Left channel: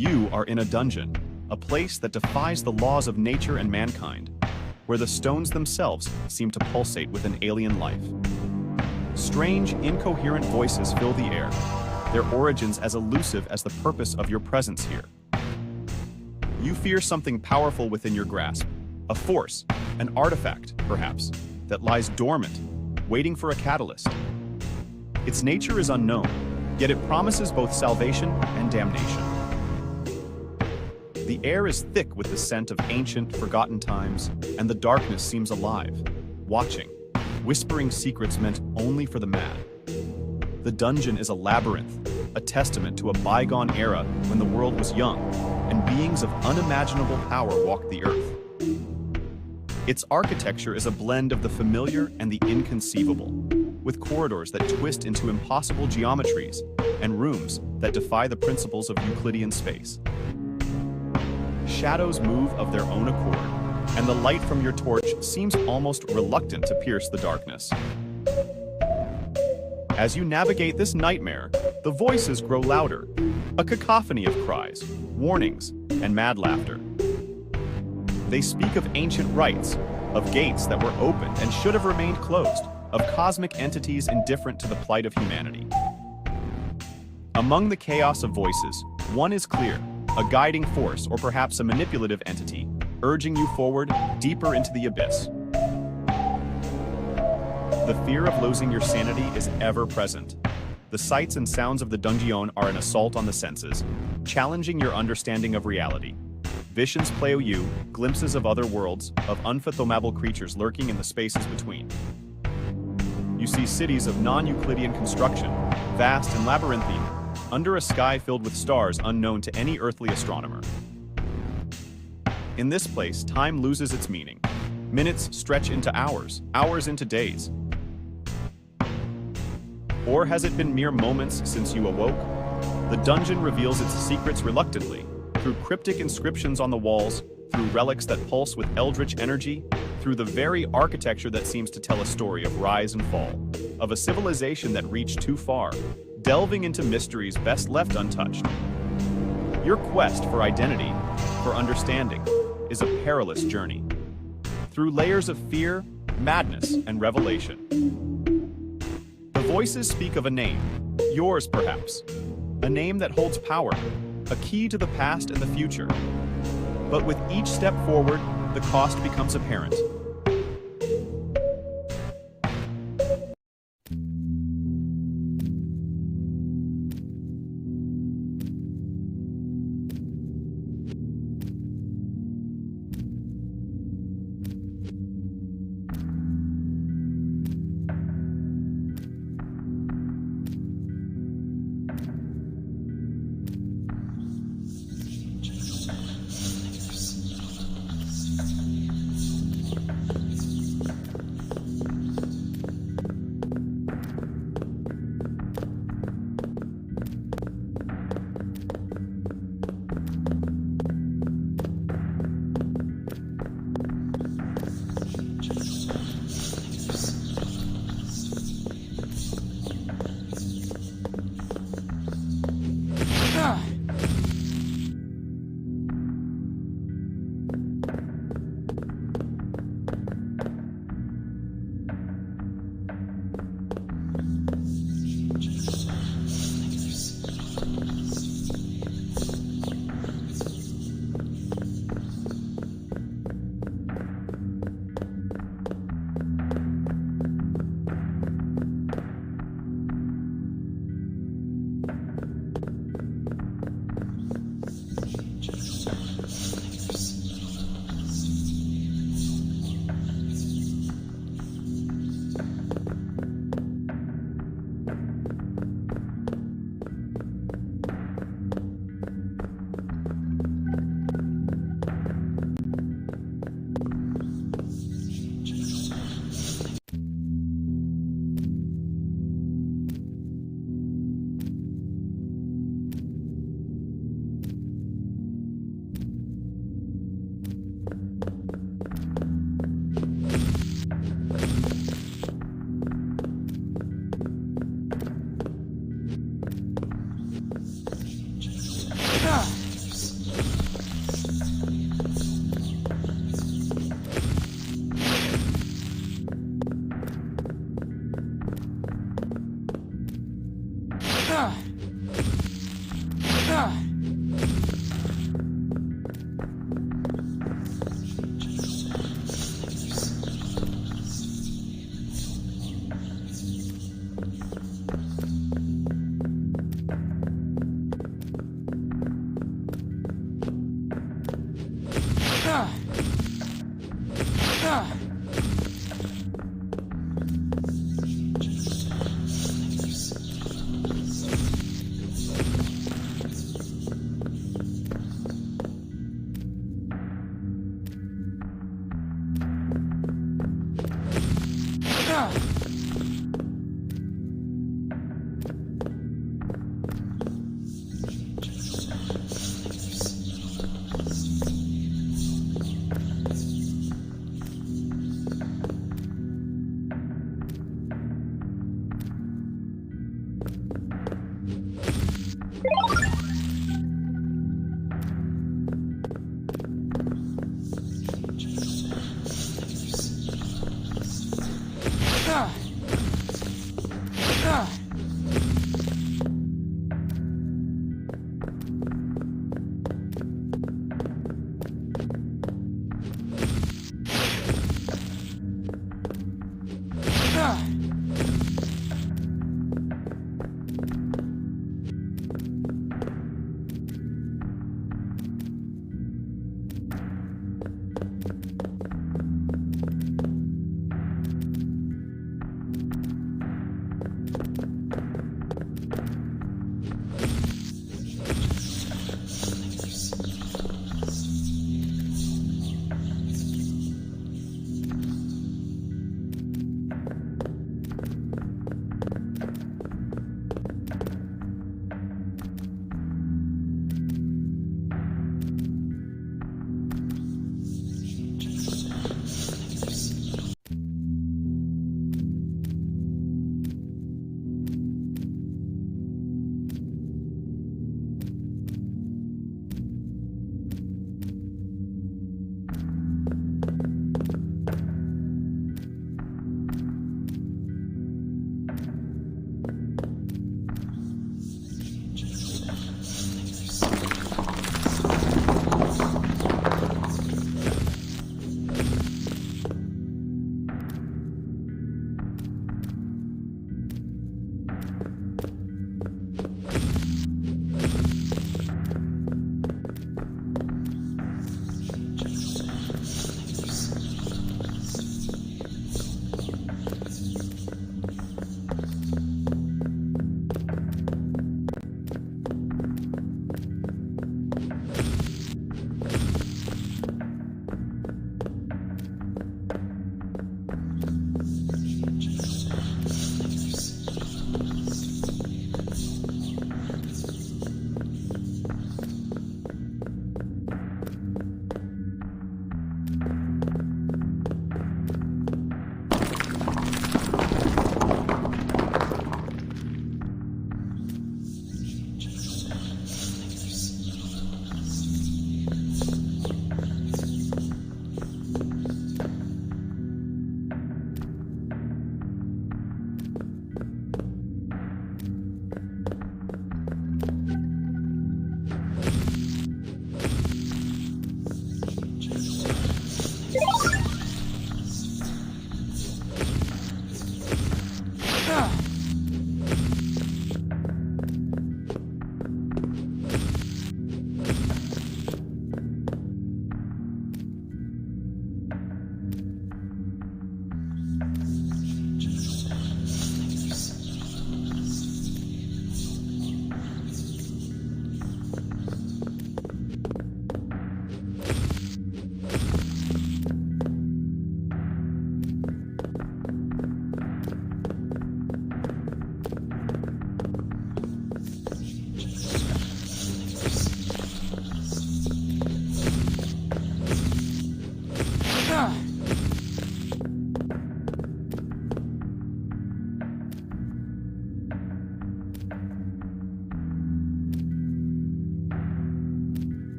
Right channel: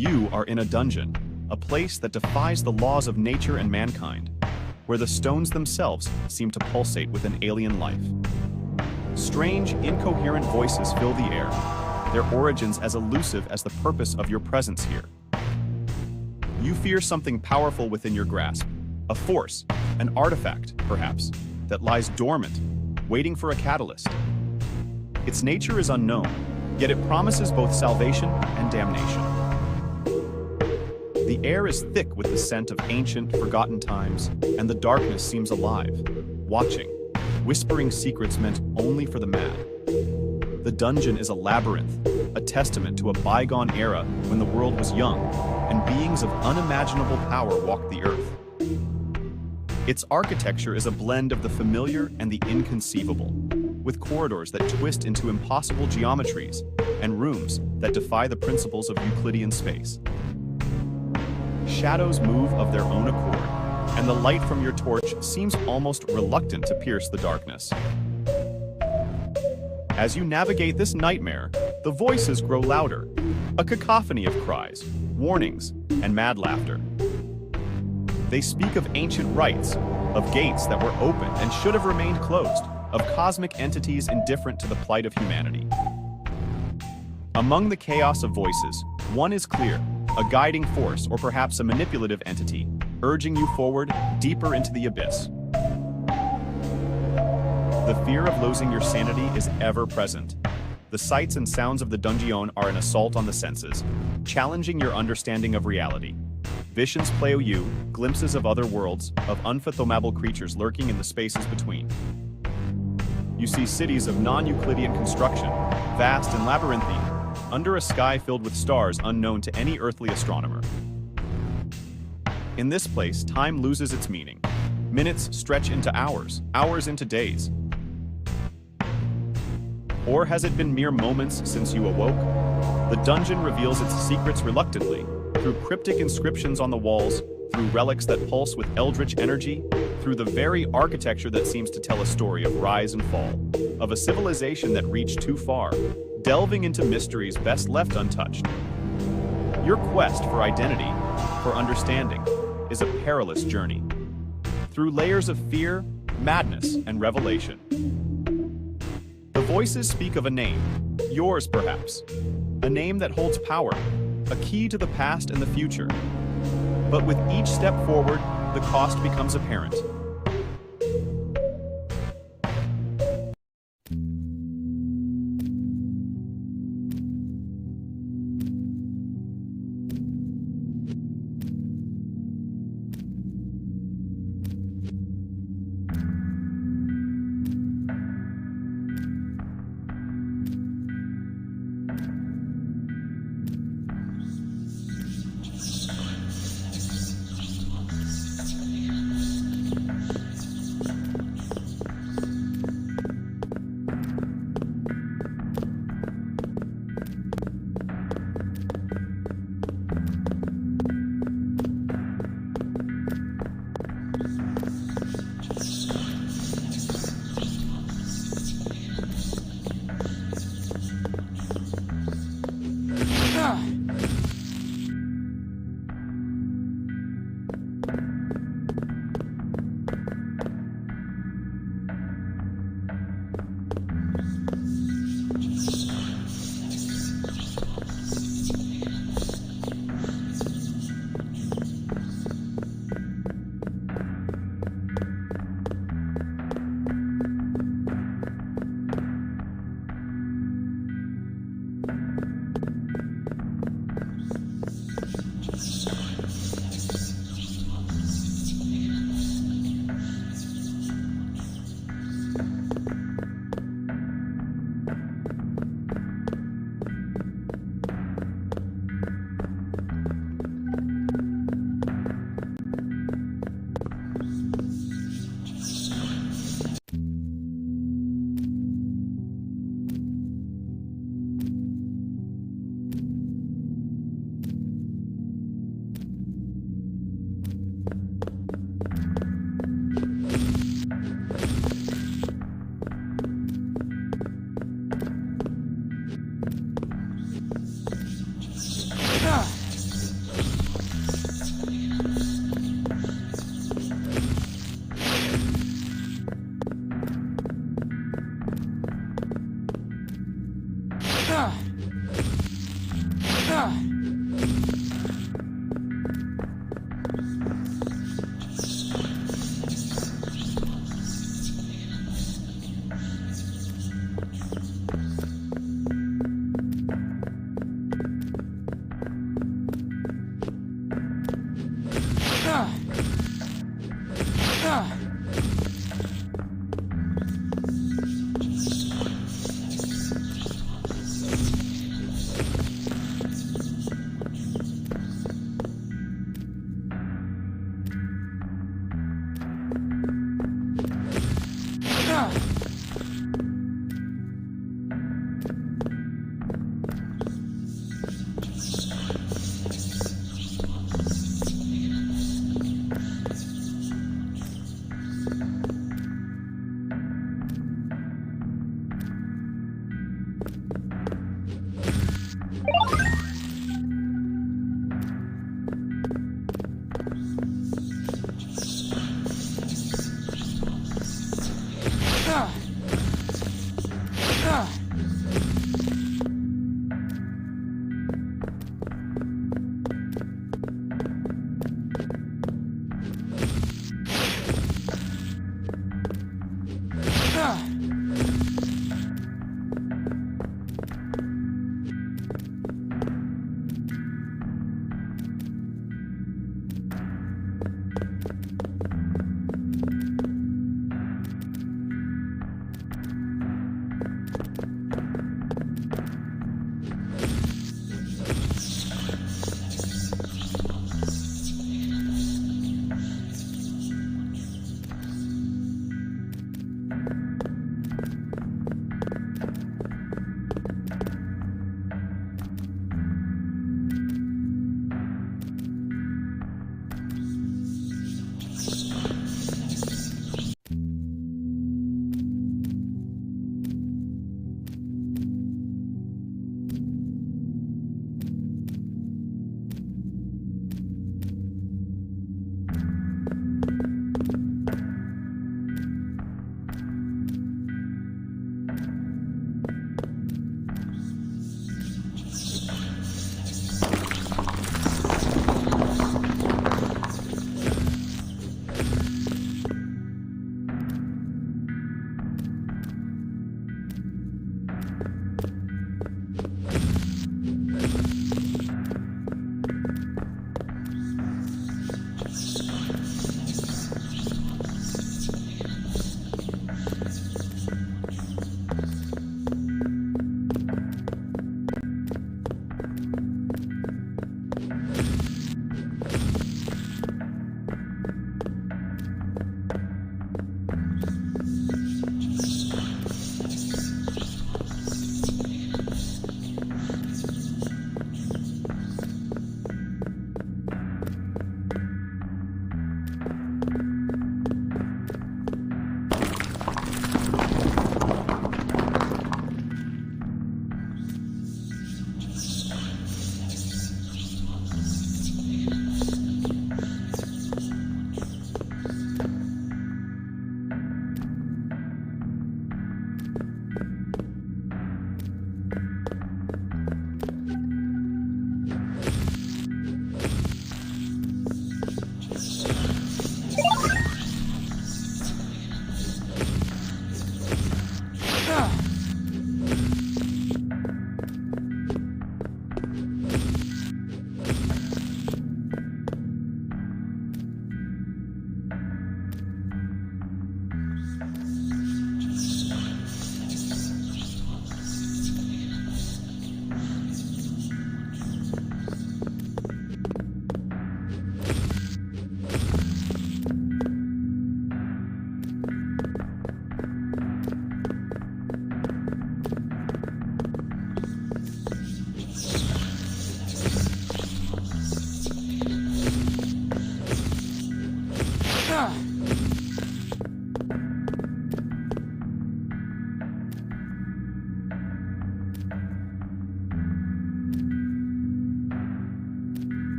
You are in a dungeon, a place that defies the laws of nature and mankind, where the stones themselves seem to pulsate with an alien life. Strange, incoherent voices fill the air, their origins as elusive as the purpose of your presence here. You fear something powerful within your grasp, a force, an artifact, perhaps, that lies dormant, waiting for a catalyst. Its nature is unknown, yet it promises both salvation and damnation. The air is thick with the scent of ancient, forgotten times, and the darkness seems alive, watching, whispering secrets meant only for the mad. The dungeon is a labyrinth, a testament to a bygone era when the world was young, and beings of unimaginable power walked the earth. Its architecture is a blend of the familiar and the inconceivable, with corridors that twist into impossible geometries and rooms that defy the principles of Euclidean space. Shadows move of their own accord, and the light from your torch seems almost reluctant to pierce the darkness. As you navigate this nightmare, the voices grow louder, a cacophony of cries, warnings, and mad laughter. They speak of ancient rites, of gates that were opened and should have remained closed, of cosmic entities indifferent to the plight of humanity. Among the chaos of voices, one is clear, a guiding force or perhaps a manipulative entity, urging you forward, deeper into the abyss. The fear of losing your sanity is ever present. The sights and sounds of the dungeon are an assault on the senses, challenging your understanding of reality. Visions play you, glimpses of other worlds, of unfathomable creatures lurking in the spaces between. You see cities of non-Euclidean construction, vast and labyrinthine, under a sky filled with stars unknown to any earthly astronomer. In this place, time loses its meaning. Minutes stretch into hours, hours into days. Or has it been mere moments since you awoke? The dungeon reveals its secrets reluctantly, through cryptic inscriptions on the walls, through relics that pulse with eldritch energy, through the very architecture that seems to tell a story of rise and fall, of a civilization that reached too far, delving into mysteries best left untouched. Your quest for identity, for understanding, is a perilous journey, through layers of fear, madness, and revelation. The voices speak of a name, yours perhaps, a name that holds power, a key to the past and the future. But with each step forward, the cost becomes apparent.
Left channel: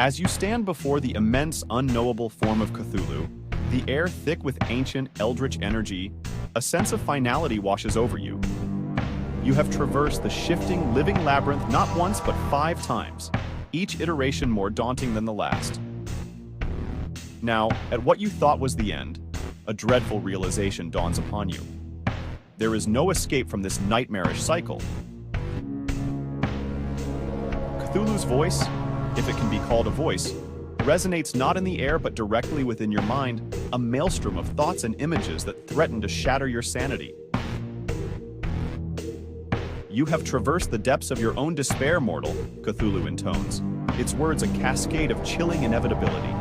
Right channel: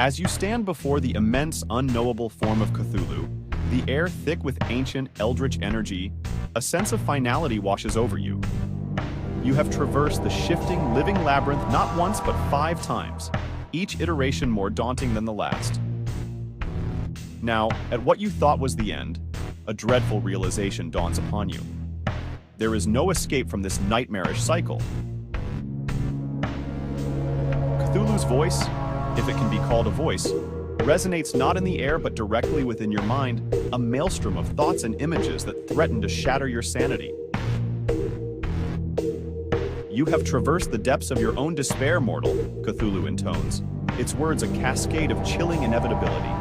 As you stand before the immense, unknowable form of Cthulhu, the air thick with ancient, eldritch energy, a sense of finality washes over you. You have traversed the shifting, living labyrinth not once but 5 times, each iteration more daunting than the last. Now, at what you thought was the end, a dreadful realization dawns upon you. There is no escape from this nightmarish cycle. Cthulhu's voice, if it can be called a voice, resonates not in the air but directly within your mind, a maelstrom of thoughts and images that threaten to shatter your sanity. You have traversed the depths of your own despair, mortal, Cthulhu intones, its words a cascade of chilling inevitability.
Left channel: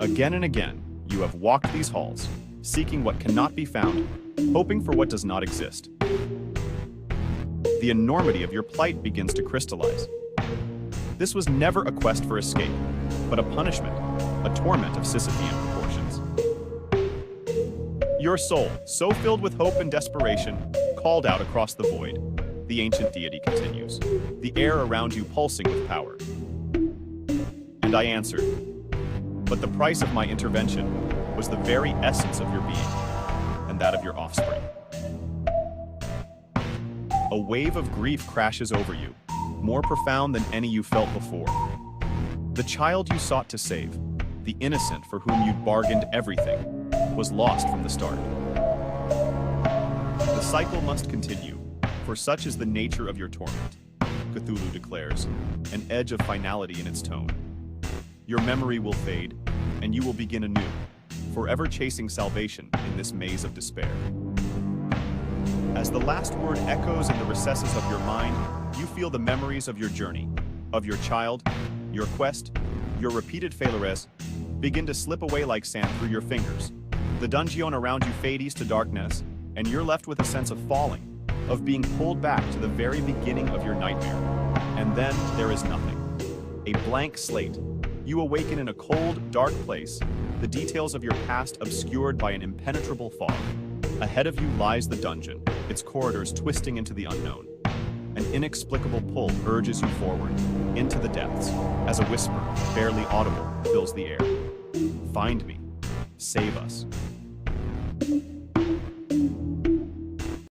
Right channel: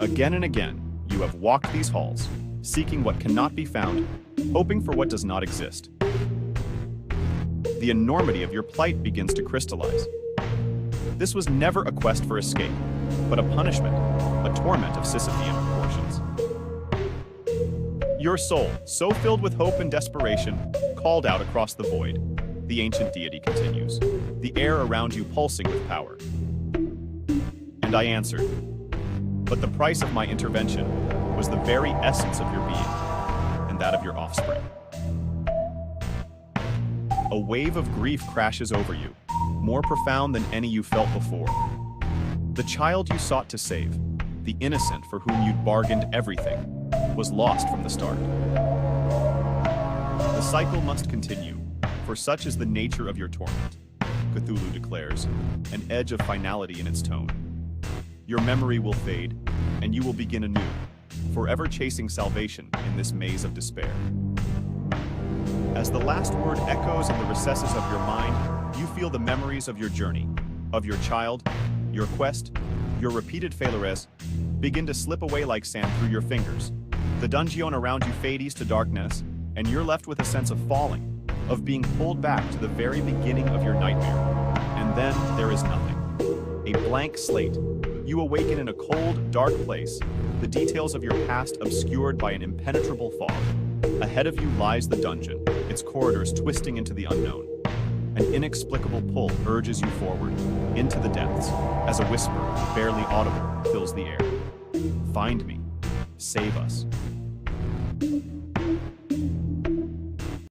Again and again, you have walked these halls, seeking what cannot be found, hoping for what does not exist. The enormity of your plight begins to crystallize. This was never a quest for escape, but a punishment, a torment of Sisyphean proportions. Your soul, so filled with hope and desperation, called out across the void. The ancient deity continues, the air around you pulsing with power. And I answered, but the price of my intervention was the very essence of your being, and that of your offspring. A wave of grief crashes over you, more profound than any you felt before. The child you sought to save, the innocent for whom you'd bargained everything, was lost from the start. The cycle must continue, for such is the nature of your torment, Cthulhu declares, an edge of finality in its tone. Your memory will fade, and you will begin anew, forever chasing salvation in this maze of despair. As the last word echoes in the recesses of your mind, you feel the memories of your journey, of your child, your quest, your repeated failures, begin to slip away like sand through your fingers. The dungeon around you fades to darkness, and you're left with a sense of falling, of being pulled back to the very beginning of your nightmare. And then there is nothing. A blank slate. You awaken in a cold, dark place, the details of your past obscured by an impenetrable fog. Ahead of you lies the dungeon, its corridors twisting into the unknown. An inexplicable pull urges you forward, into the depths, as a whisper, barely audible, fills the air. Find me. Save us.